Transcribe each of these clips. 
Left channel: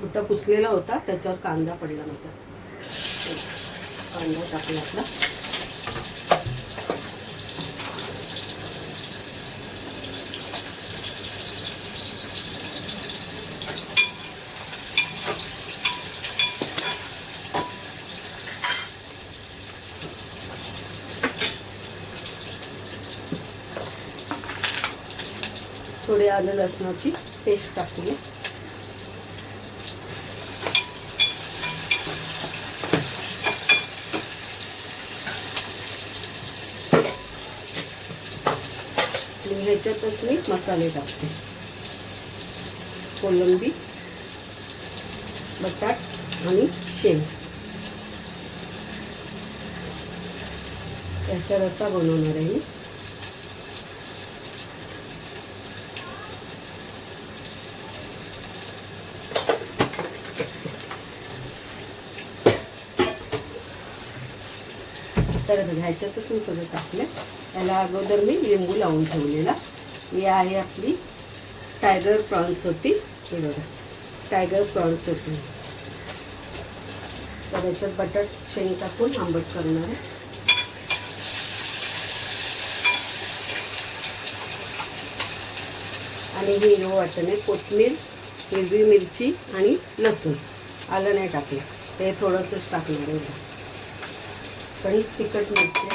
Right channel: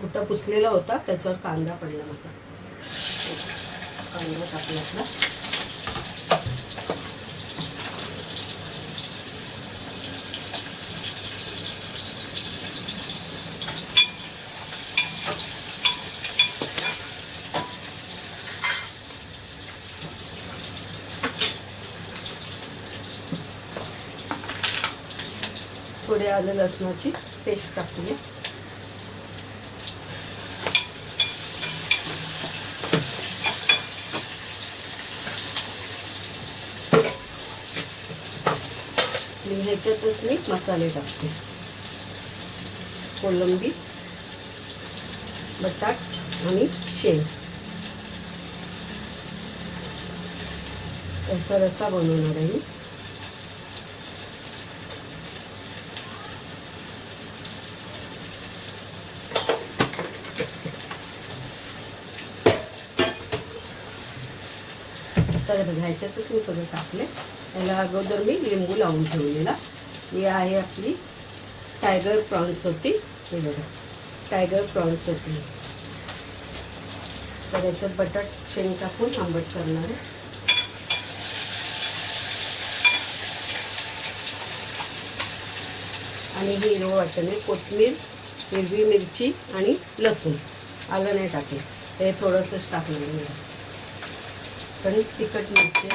कुठं पुसलेला होता त्याच्यावर कांदा पडला माझा. कांदा टाकला आपला. थोडे आलं लसणाची पेस्ट टाकूया. याच्यातच मी मसाले टाकते. कोलंबी बटाट आणि शेंग. याचा रस्सा बनवणार आहे मी. तर बघा ह्याच्यातच मी सगळं टाकले याला अगोदर मी लिंबू लावून ठेवलेला. ही आहे आपली टायगर प्रॉन्स होती. हे बघा टायगर प्रॉन्स होती. तर याच्यात बटाट शेंग टाकून आंबट करणार आहे. आणि हे हिरवं वाटण आहे. कोथिंबीर हिरवी मिरची आणि लसूण. आलं नाही टाकले. ते थोडंसंच टाकलं पण तिखट मिरची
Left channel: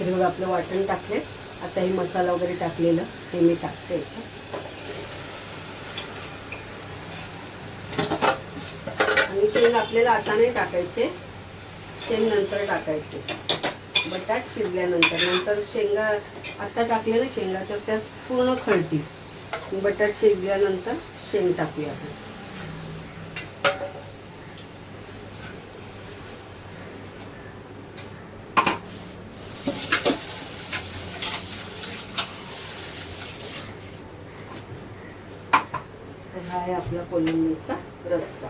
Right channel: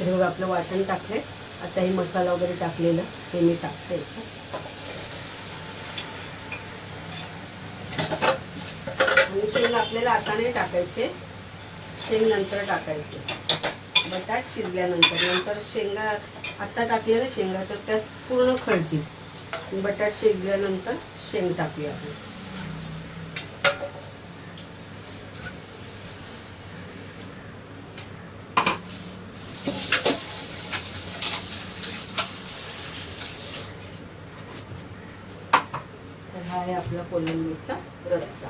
आहे. बघा आपलं वाटण टाकले आता हे मसाला वगैरे टाकलेलं हे मी टाकते आणि शेंग आपल्याला आता नाही टाकायचे. शेंग नंतर टाकायचे. बटाट शिजल्यानंतर. नंतर शेंगा आत्ता टाकले ना शेंगा तर त्या पूर्ण खळतील बटाट शिजल्यानंतर शेंग टाकूया आपण. किंवा कोलंबीचा रस्सा.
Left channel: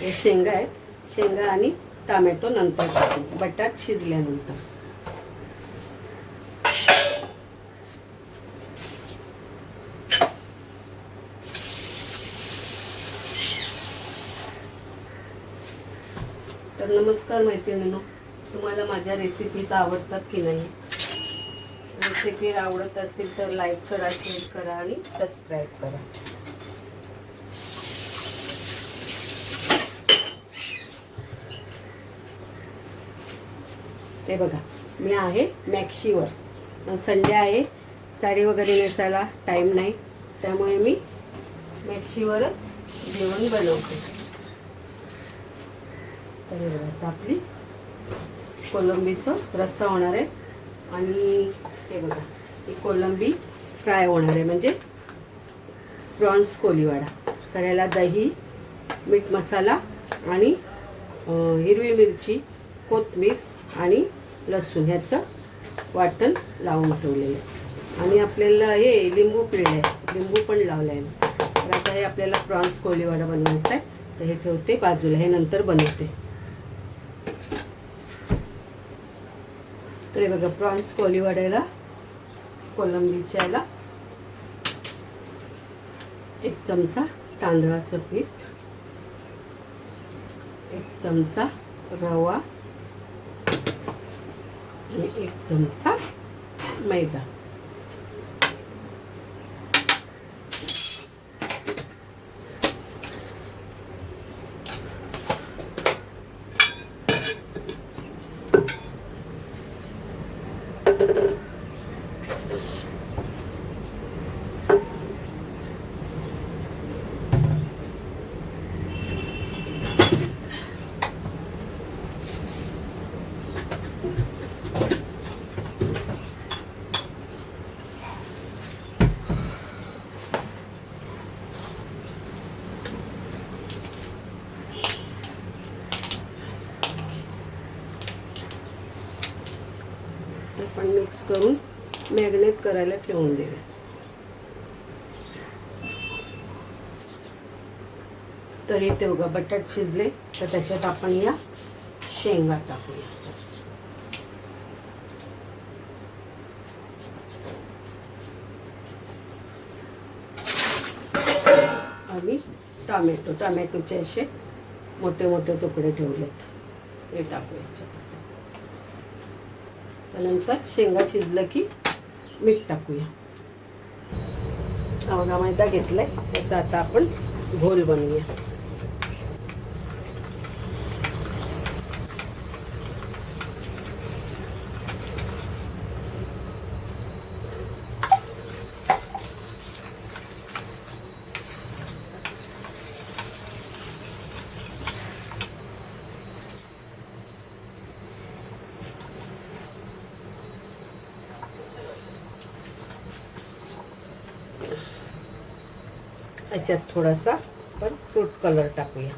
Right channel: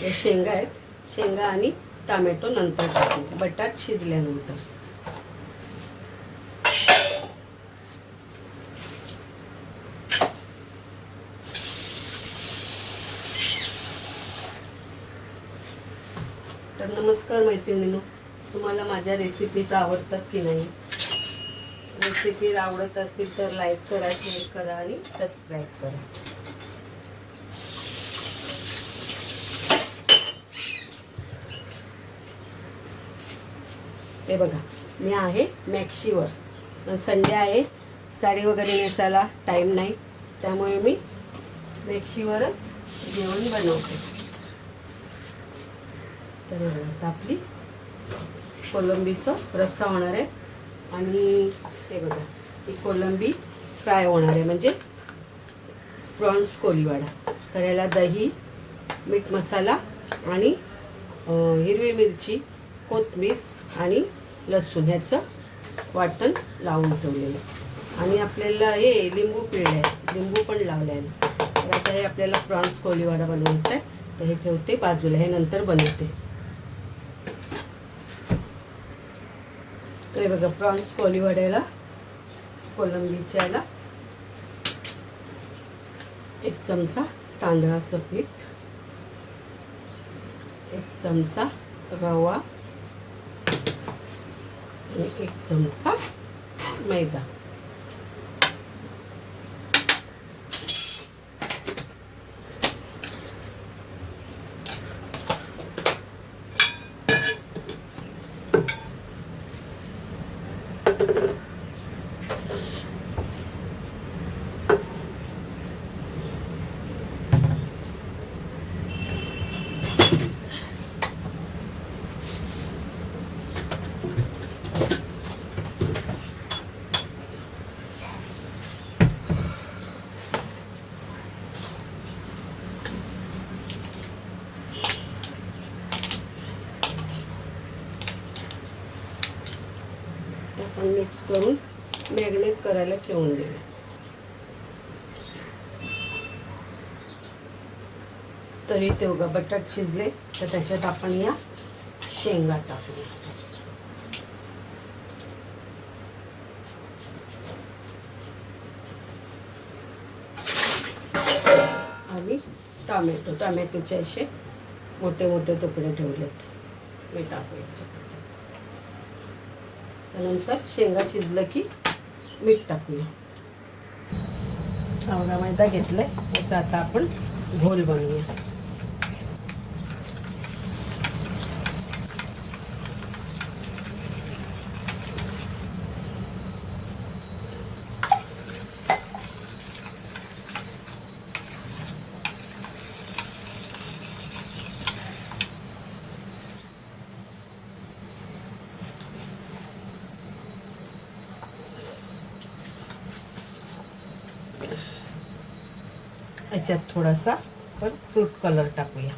हे शेंगा आहेत. शेंगा आणि टामॅटो नंतर बटाट शिजल्यानंतर. तर नमस्कार मैत्रिणींनो तुम्हाला माझ्या रेसिपीज आवडतात की नाही? रेसिपी आवडत असतील तर लाईक करा शेअर करा आणि सबस्क्राईब करा. हे बघा मी आहे मॅक्शीवर संडे आहे साडी वगैरे नेसायला टाईम नाही त्यामुळे मी मॅक्शीवरच जेवण बनवते. तर हे बघा आता आपली कोलंबीचं रस्सा होणार आहे. आणि हे बघा ही कोलंबी फ्राय होणार आहे. म्हणजे प्रॉन्स कोलीवाडा. तर याला दही मीठ मसाला आणि हिरवी मिरची कोथमीर आणि लसूण ह्याचं वाटण लावून ठेवलेलं. आहे आणि आपल्याला हे लिंबू पिळलं आहे. लिंबू पण लावलं आहे. तर आता हे आपल्याला प्रॉन्स कोलीवाडा बनवायचा आहे. तर हे ठेवते बाजूला. हे नंतर बनवते. तर हे बघा प्रॉन्स कोलीवाड्याला कोलंबीच्या याला एक चमचा तांदळाचं पीठ एक चमचा रवा आणि एक चमचा मैदा. मिक्स करून मॅरिनेट करायला ठेवून देऊ. तरी ते बघा बटाट शिजले तर त्याच्यात आपण या शेंगा टाकूया. आणि टामॅटो टामॅटोचे असे मोठे मोठे तुकडे ठेवलेत. हे टाकूया त्यानंतर शेंगा शिजलं की मीठ टाकूया. आवडा मैदा घेतलाय याचा आता आपण घोल बनवूया. याच्यात थोडासा आपण फ्रूट कलर टाकूया.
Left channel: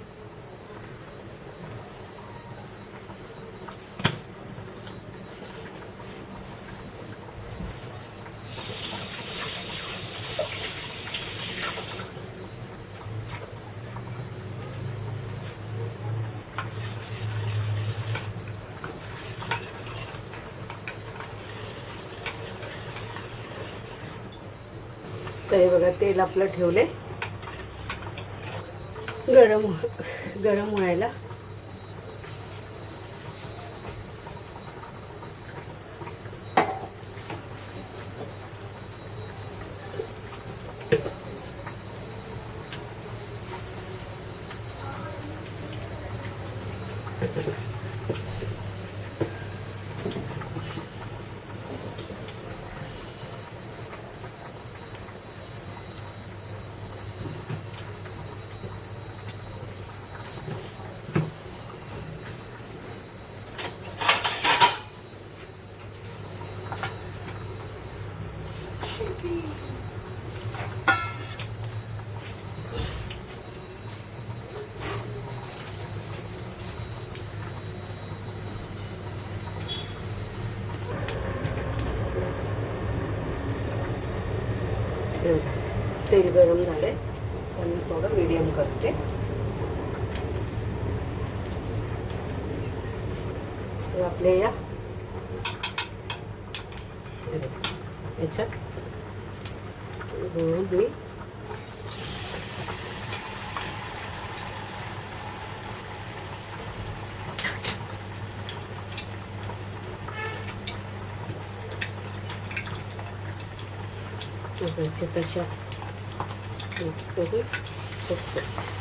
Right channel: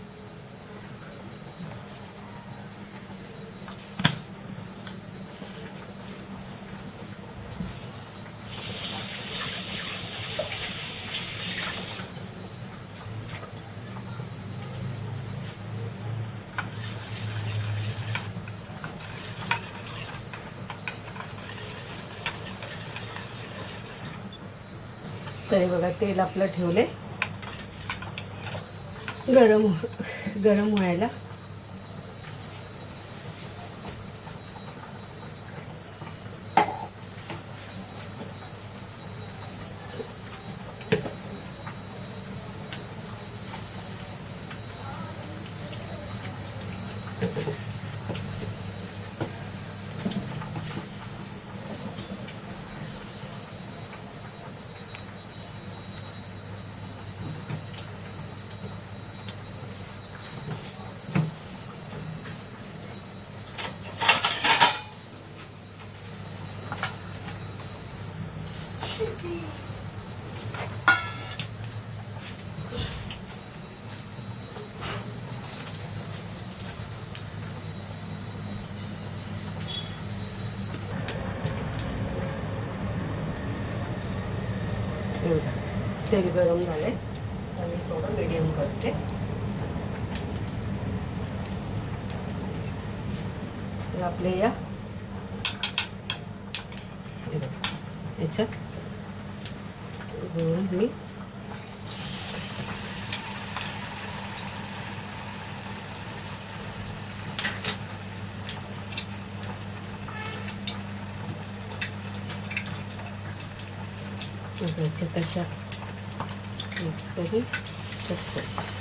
तर हे बघा तेल आपलं ठेवले गरम हो- गरम व्हायला. तेल गरम झाले. आणि थोडं मीडियम करते. आपले या. याच्यात बघा, याच्यात दोन मी त्याच्या तशा मिक्स करून तसं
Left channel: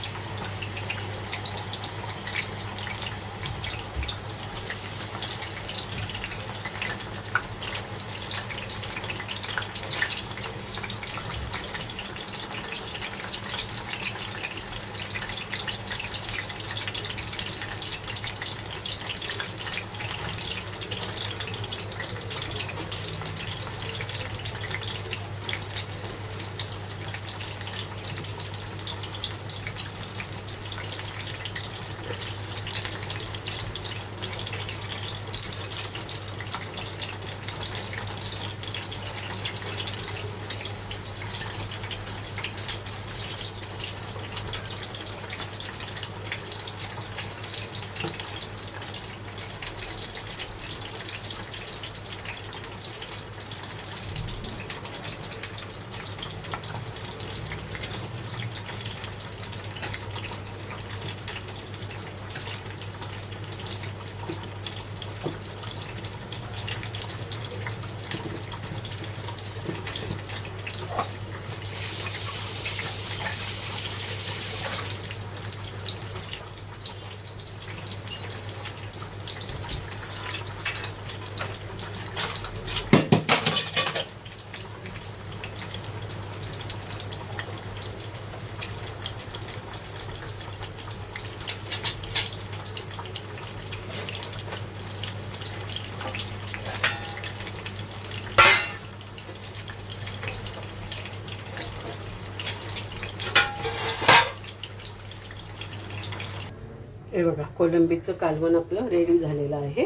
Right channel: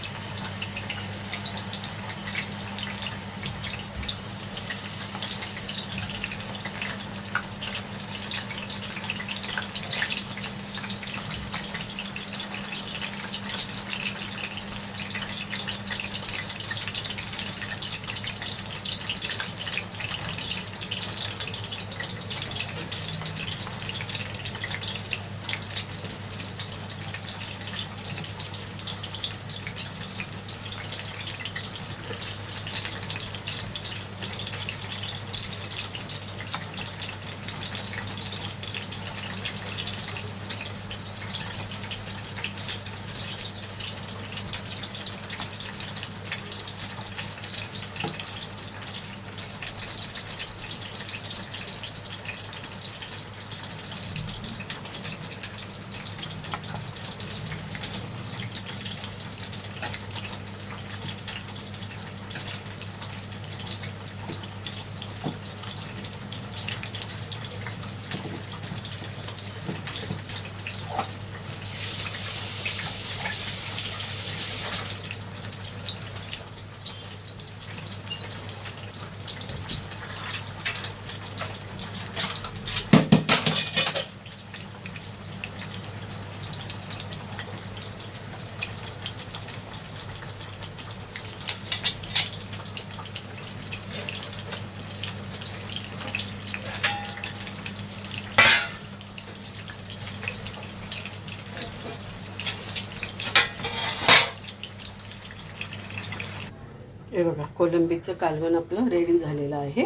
हे बघा कोलंबीचं कालवण आपलं रेडी झालेलं आहे.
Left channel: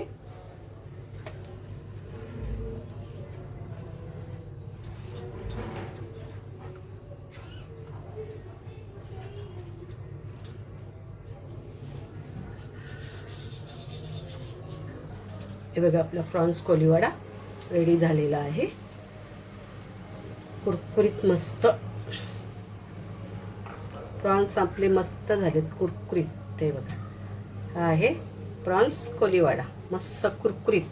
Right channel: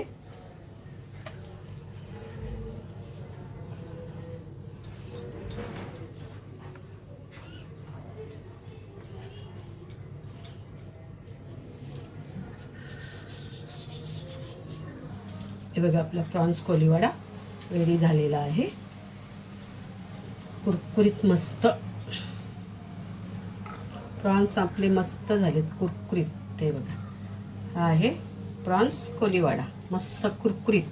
हे बघा आपला प्रॉन्स कोलिवाडा रेडी झालेला आहे. कुरकुरीत मस्त. प्रॉन्स आपले मस्त झालेत कुरकुरीत ते बघा. हा आहे प्रॉन्स कोलीवाडा. मस्त कुरकुरीत.